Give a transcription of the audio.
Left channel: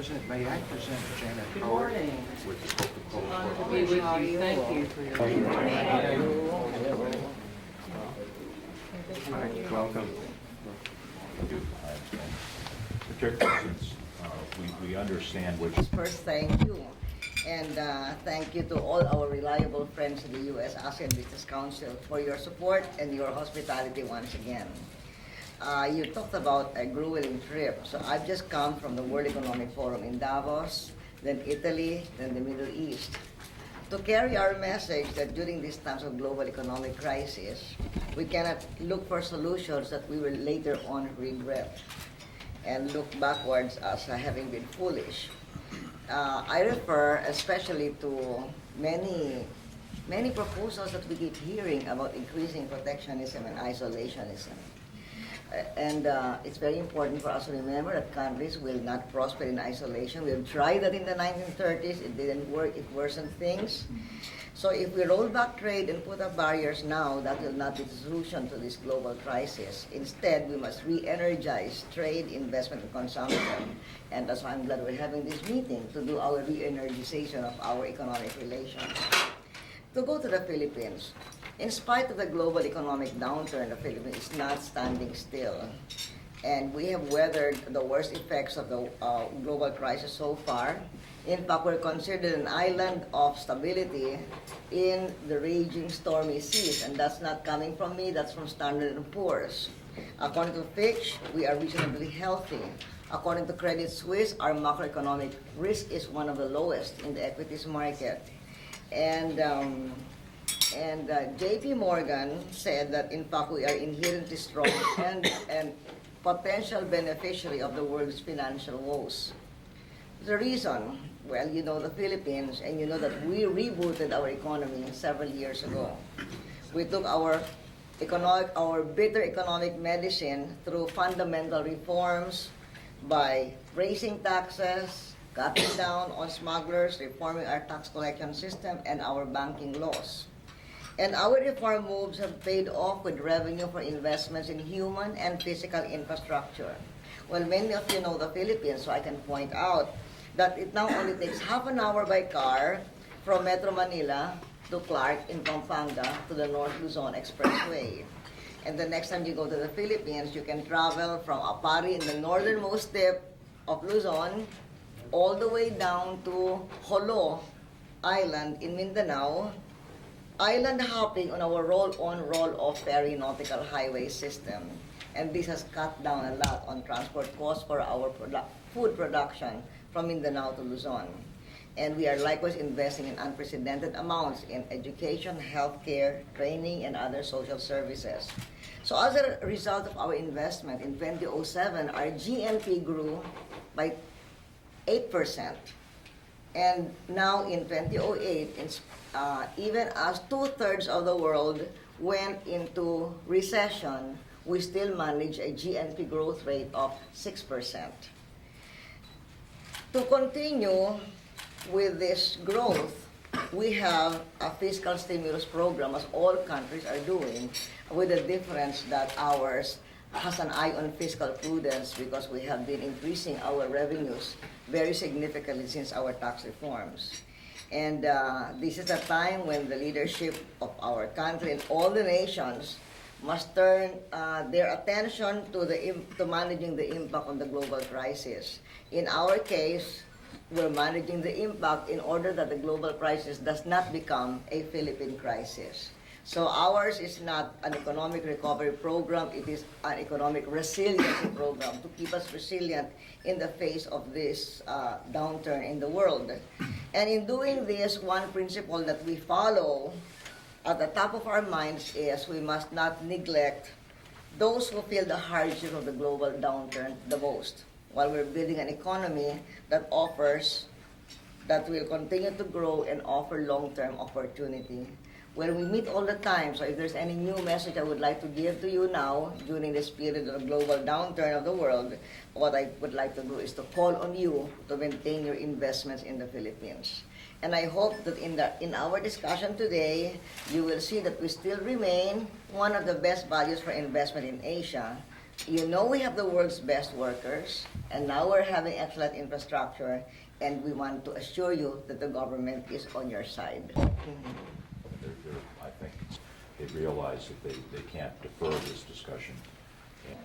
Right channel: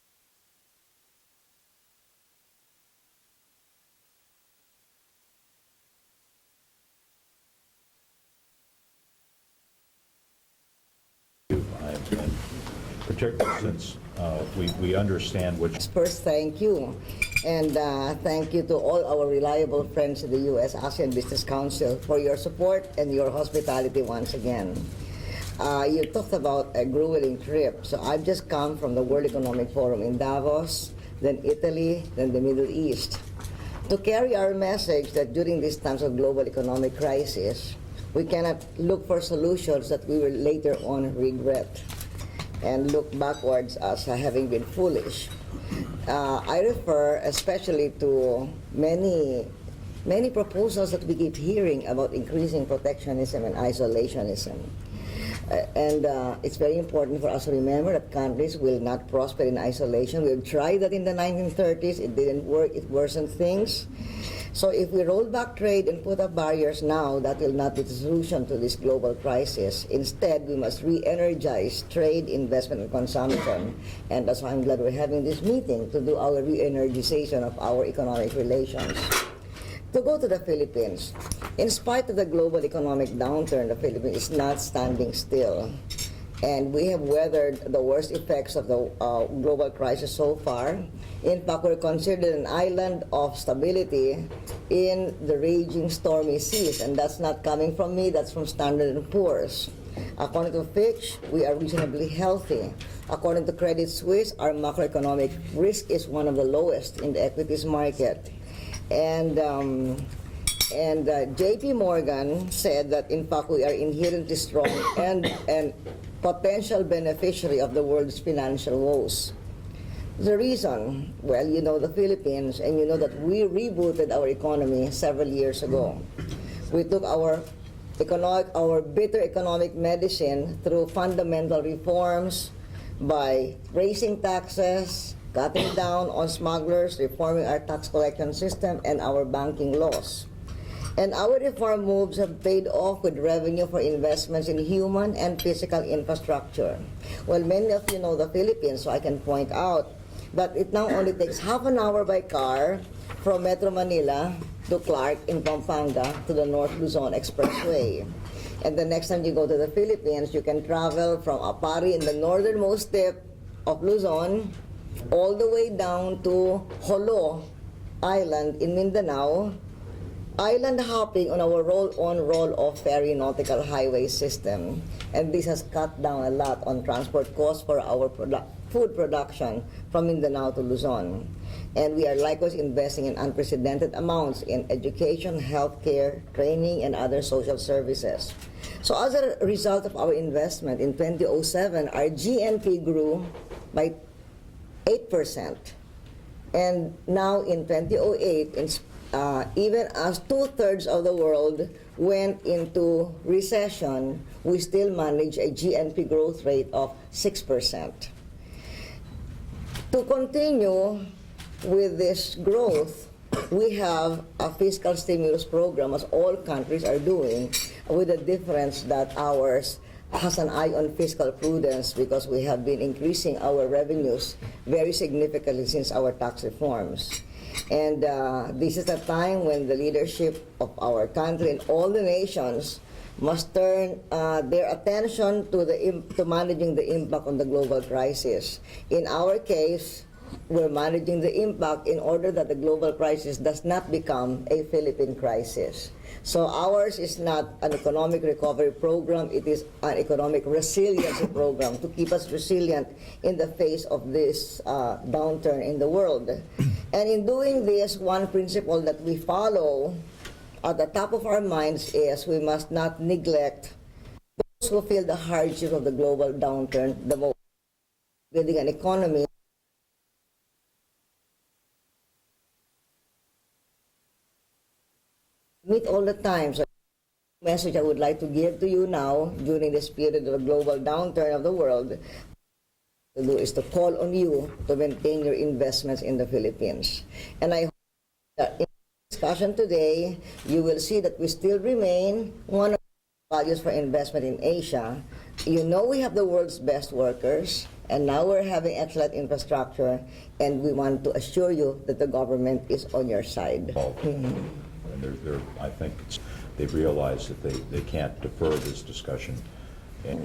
May I present Janet Good Howard morning. with the Coca-Cola Honored to be Corporation? with you. Thank you for your Hi, welcome. Particularly since we understand what you... First, thank you. And thank you to all our reliable friends in the U.S. ASEAN Business Council for your support and your hospitality once again. You talked about a grueling trip. So I've just come from the World Economic Forum in Davos, then Italy, then the Middle East, to carry our message that during these times of global economic crisis, we cannot look for solutions that we will later on regret and look backwards as having been foolish. I refer especially to many proposals that we keep hearing about increasing protectionism and isolationism. It's very important for us to remember that countries will not prosper in isolation. We've tried that in the 1930s. It didn't work. It worsened things. So if we roll back trade and put up barriers now, that will not be the solution to this global crisis. Instead, we must re-energize trade, investment, and consumption. And that's why I'm glad we're having this meeting to do our re-energization of our economic relations. To go to the Philippines, in spite of the global economic downturn, the Philippines is not standing still. And we have weathered the worst effects of the global crisis so far. In fact, we're considered an island of stability in the raging stormy seas. And that's not coming from me, that's from Standard & Poor's. According to Fitch, we are reasonably healthy. According to Credit Suisse, our macroeconomic risk is one of the lowest in the equities market. And JP Morgan said that in fact we are inherently strong and potential beneficiary of the world's financial woes. The reason, well, you know the Philippines, and you know that we rebooted our economy several years ago. We took our bitter economic medicine through fundamental reforms by raising taxes, cutting down on smugglers, reforming our tax collection system, and our banking laws. And our reform moves have paid off with revenue for investments in human and physical infrastructure. Well, many of you know the Philippines, so I can point out that it now only takes half an hour by car from Metro Manila to Clark in Pampanga to the North Luzon Expressway. And the next time you go to the Philippines, you can travel from Apari in the northernmost tip of Luzon all the way down to Jolo Island in Mindanao, island hopping on our roll-on, roll-off ferry nautical highway system. And this has cut down a lot on transport costs for our food production from Mindanao to Luzon. And we are likewise investing in unprecedented amounts in education, healthcare, training, and other social services. So as a result of our investment in 2007, our GNP grew by 8%. And now in 2008, even as 2/3 of the world went into recession, we still manage a GNP growth rate of 6%. To continue with this growth, we have a fiscal stimulus program, as all countries are doing, with the difference that ours has an eye on fiscal prudence because we have been increasing our revenues very significantly since our tax reforms. And this is a time when the leadership of our country and all the nations must turn their attention to managing the impact on the global crisis. In our case, we're managing the impact in order that the global crisis does not become a Philippine crisis. So ours is not an economic recovery program, it is an economic resiliency program to keep us resilient in the face of this downturn in the world. And in doing this, one principle that we follow at the top of our minds is we must not neglect those who feel the hardship of the global downturn the most, while we're building an economy that will continue to grow and offer long-term opportunity. Well, we meet all the time, so if there's any new message I would like to give to you now during this period of the global downturn of the world, what I would like to do is to call on you to maintain your investments in the Philippines. And I hope that in our discussion today, you will see that we still remain one of the best values for investment in Asia. You know we have the world's best workers, And now we're having excellent infrastructure, and we want to assure you that the government is on your side. And I think they've realized that they can't defer this discussion. And